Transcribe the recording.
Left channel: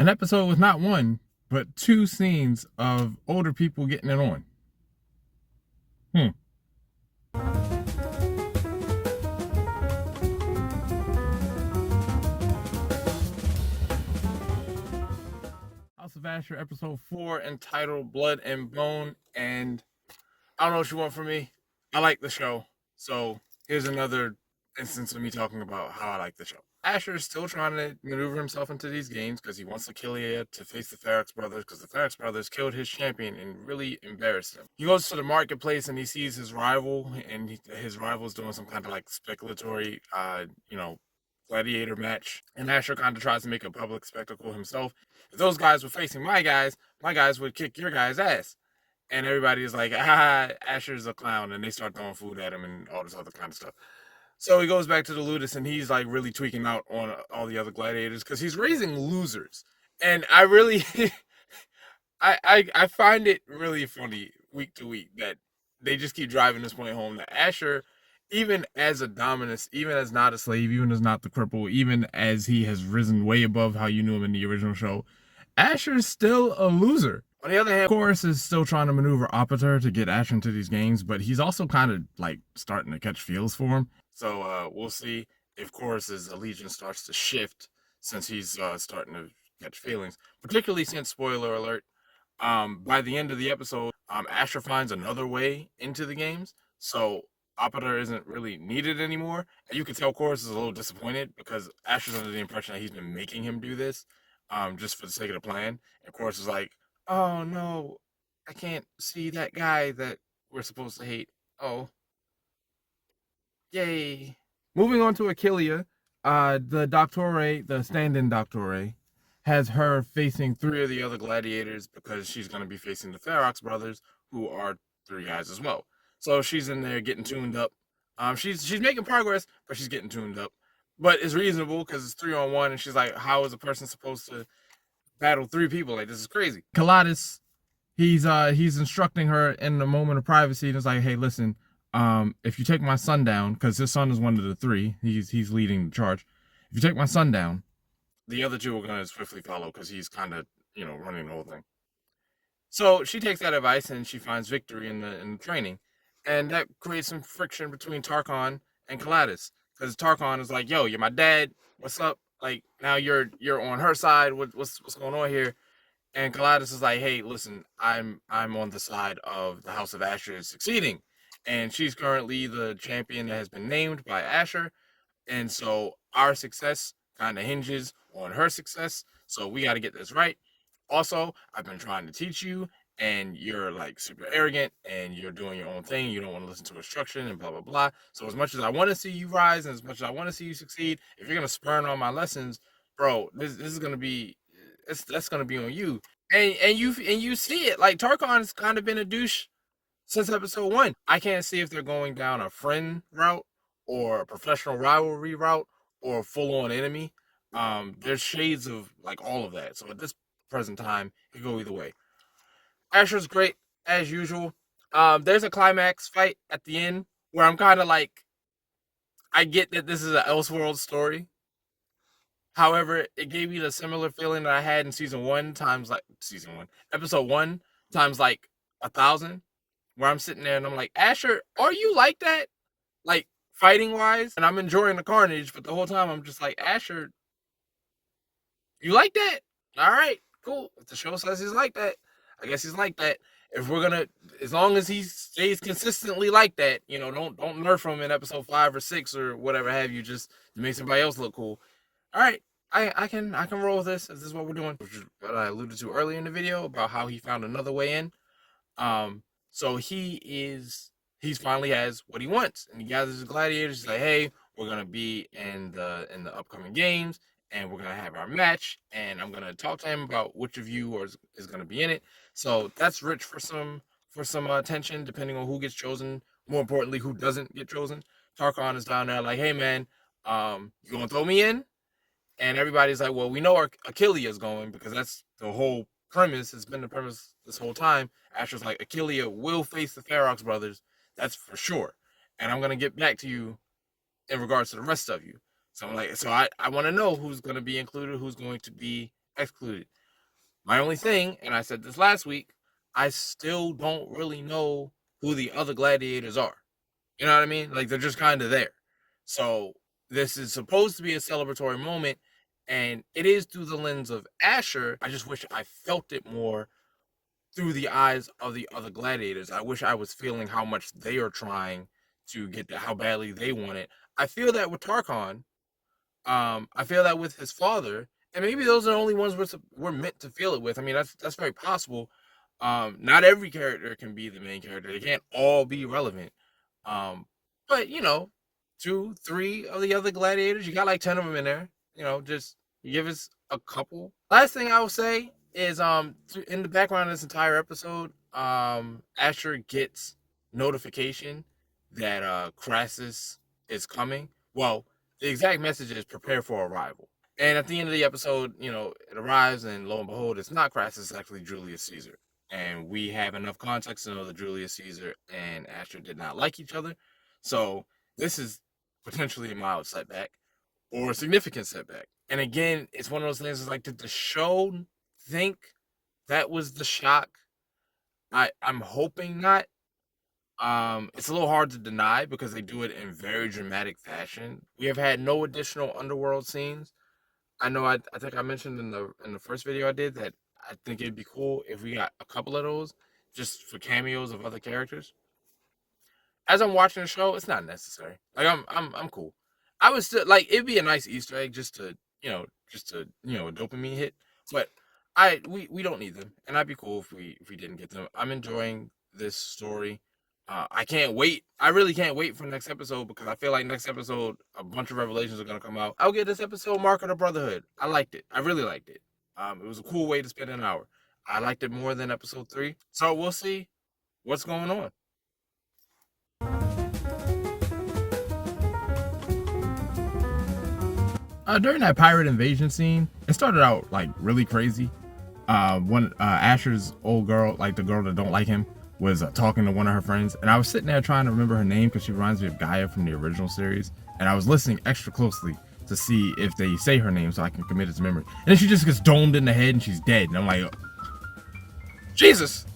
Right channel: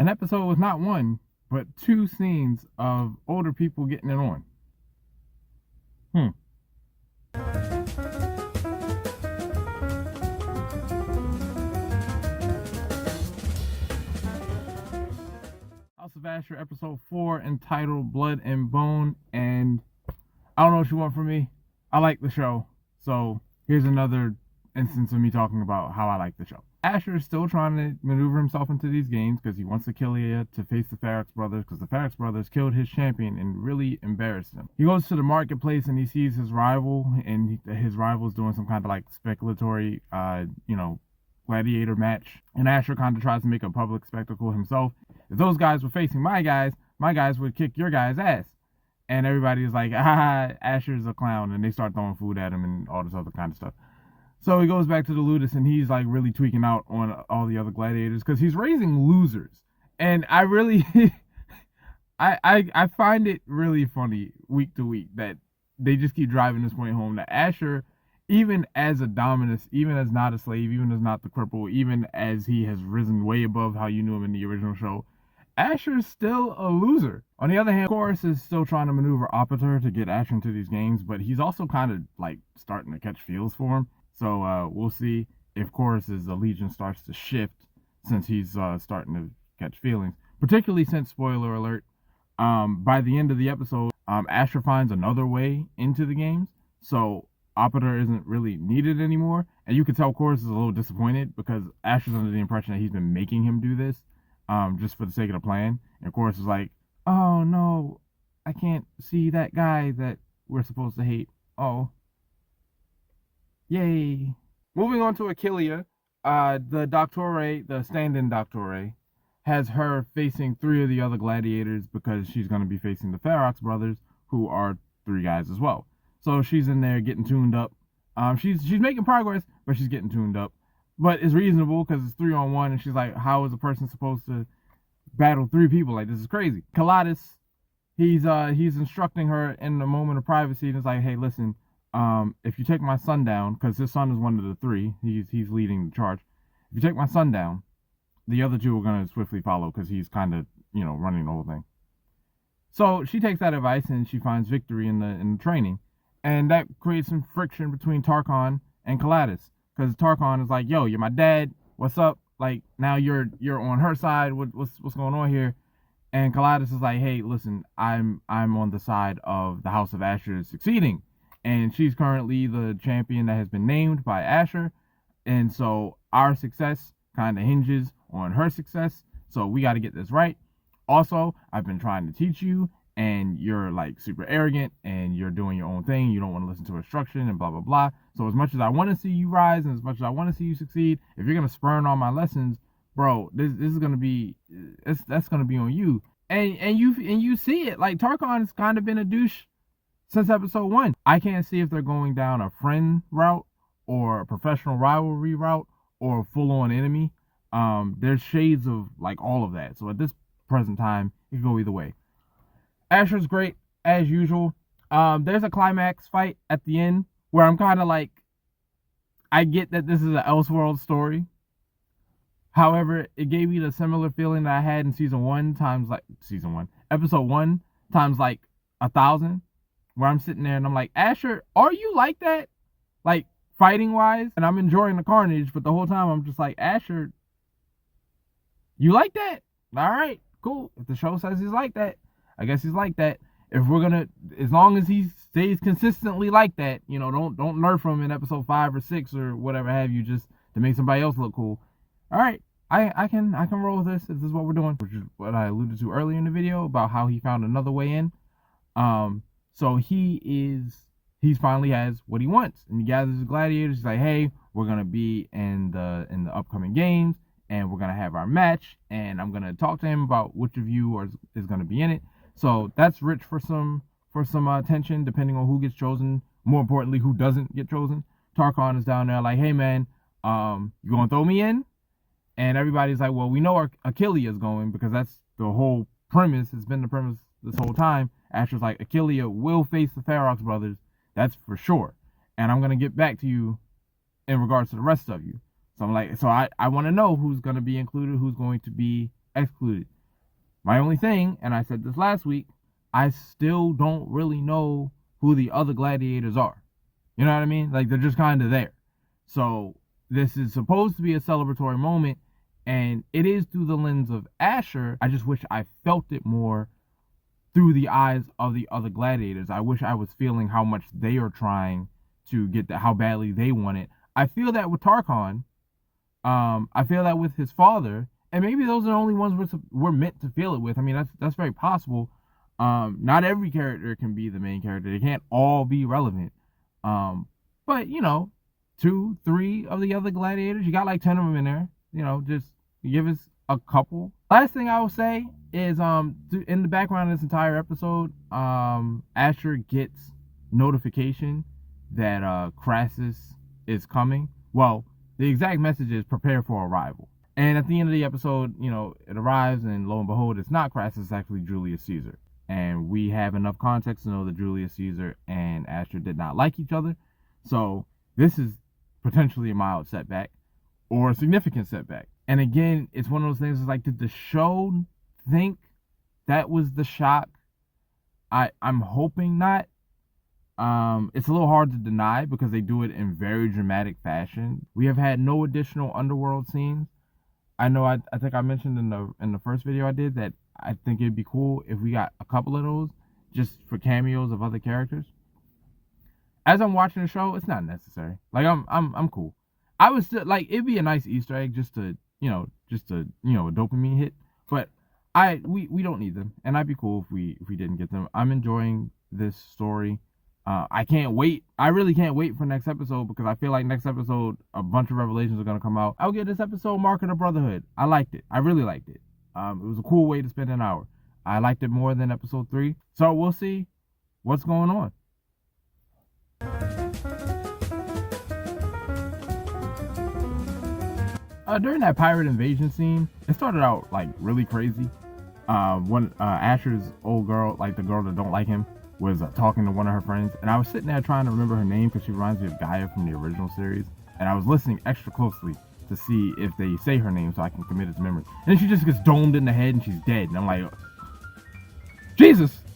An episode with not one, but two scenes of older people getting it on. Hmm. House of Ashur, episode 4, entitled Blood and Bone. And I don't know what you want from me. I like the show. So here's another instance of me talking about how I like the show. Ashur is still trying to maneuver himself into these games because he wants Achillea to face the Ferox brothers, because the Ferox brothers killed his champion and really embarrassed him. He goes to the marketplace and he sees his rival, and his rival's doing some kind of like speculatory, gladiator match. And Ashur kind of tries to make a public spectacle himself. If those guys were facing my guys would kick your guys' ass. And everybody's like, Ashur's a clown, and they start throwing food at him and all this other kind of stuff. So he goes back to the Ludus, and he's like really tweaking out on all the other gladiators because he's raising losers. And I really, I find it really funny week to week that they just keep driving this point home that Ashur, even as a dominus, even as not a slave, even as not the cripple, even as he has risen way above how you knew him in the original show, Ashur's still a loser. On the other hand, Chorus is still trying to maneuver Opater to get Ashur into these games, but he's also kind of like starting to catch feels for him. So we'll see if Chorus's allegiance starts to shift since he's starting to catch feelings. Particularly since, spoiler alert, by the end of the episode, Ashur finds another way into the games. So Opater isn't really needed anymore. And you can tell Chorus is a little disappointed because Ashur's under the impression that he's been making him do this just for the sake of the plan. And Chorus is like, oh no, I can't see that guy that we're supposed to hate. Oh. Yay. Moving on to Achillea, the Doctore, the stand-in Doctore, has her facing 3 of the other gladiators because she's going to be facing the Ferox brothers, who are 3 guys as well. So she's in there getting tuned up. She's making progress, but she's getting tuned up. But it's reasonable because it's 3-on-1, and she's like, how is a person supposed to battle 3 people? Like, this is crazy. Calatus, he's instructing her in a moment of privacy, and it's like, hey, listen, if you take my son down, because his son is one of the 3, he's leading the charge. If you take my son down, the other 2 are going to swiftly follow because he's kind of, running the whole thing. So she takes that advice and she finds victory in the training, and that creates some friction between Tarkon and Calatus, because Tarkon is like, yo, you're my dad, what's up? Like, now you're on her side, what's going on here? And Calatus is like, hey, listen, I'm on the side of the House of Ashur succeeding. And she's currently the champion that has been named by Ashur. And so our success kind of hinges on her success. So we got to get this right. Also, I've been trying to teach you, and you're like super arrogant, and you're doing your own thing. You don't want to listen to instruction and blah, blah, blah. So as much as I want to see you rise and as much as I want to see you succeed, if you're going to spurn on my lessons, bro, this is going to be, that's going to be on you. And you see it. Like, Tarkon's kind of been a douche since episode 1. I can't see if they're going down a friend route or a professional rivalry route or a full-on enemy. There's shades of like all of that. So at this present time, it can go either way. Ashur's great as usual. There's a climax fight at the end where I'm kind of like, I get that this is an Elseworld story. However, it gave me the similar feeling that I had in episode 1 times like 1,000. Where I'm sitting there and I'm like, Ashur, are you like that? Like, fighting wise? And I'm enjoying the carnage, but the whole time I'm just like, Ashur, you like that? All right, cool. If the show says he's like that, I guess he's like that. If we're gonna, as long as he stays consistently like that, don't nerf him in episode 5 or 6 or whatever have you, just to make somebody else look cool. All right, I can roll with this if this is what we're doing, which is what I alluded to earlier in the video about how he found another way in. So he finally has what he wants, and he gathers his gladiators. He's like, hey, we're going to be in the upcoming games, and we're going to have our match, and I'm going to talk to him about which of you is going to be in it. So that's rich for some attention, depending on who gets chosen. More importantly, who doesn't get chosen. Tarkon is down there like, hey, man, you going to throw me in? And everybody's like, well, we know Achillea is going, because that's the whole premise. It's been the premise this whole time. Ashur's like, Achillea will face the Ferox brothers, that's for sure, and I'm gonna get back to you in regards to the rest of you. So I'm like, so I want to know who's gonna be included, who's going to be excluded. My only thing, and I said this last week, I still don't really know who the other gladiators are. You know what I mean? Like, they're just kind of there. So this is supposed to be a celebratory moment, and it is through the lens of Ashur. I just wish I felt it more through the eyes of the other gladiators. I wish I was feeling how much they are trying to get that, how badly they want it. I feel that with Tarkon. I feel that with his father, and maybe those are the only ones we're meant to feel it with. I mean, that's very possible. Not every character can be the main character. They can't all be relevant. But you know, 2, 3 of the other gladiators, you got like 10 of them in there. You know, just give us a couple. Last thing I will say is, in the background of this entire episode, Ashur gets notification that Crassus is coming. Well, the exact message is prepare for arrival. And at the end of the episode, you know, it arrives, and lo and behold, it's not Crassus, it's actually Julius Caesar. And we have enough context to know that Julius Caesar and Ashur did not like each other. So this is potentially a mild setback or a significant setback. And again, it's one of those things, it's like, did the show think that was the shock? I'm hoping not. It's a little hard to deny because they do it in very dramatic fashion. We have had no additional underworld scenes. I know I think I mentioned in the first video I did that I think it'd be cool if we got a couple of those just for cameos of other characters. As I'm watching the show, it's not necessary. Like, I'm cool. I would still like, it'd be a nice Easter egg just to a dopamine hit. But we don't need them, and I'd be cool if we didn't get them. I'm enjoying this story. I can't wait. I really can't wait for next episode, because I feel like next episode a bunch of revelations are gonna come out. I'll give this episode Mark of the Brotherhood. I liked it. I really liked it. It was a cool way to spend an hour. I liked it more than episode 3. So we'll see what's going on. During that pirate invasion scene, it started out like really crazy. When Ashur's old girl, like the girl that don't like him, was talking to one of her friends, and I was sitting there trying to remember her name because she reminds me of Gaia from the original series, and I was listening extra closely to see if they say her name so I can commit it to memory. And then she just gets domed in the head and she's dead, and I'm like, Jesus!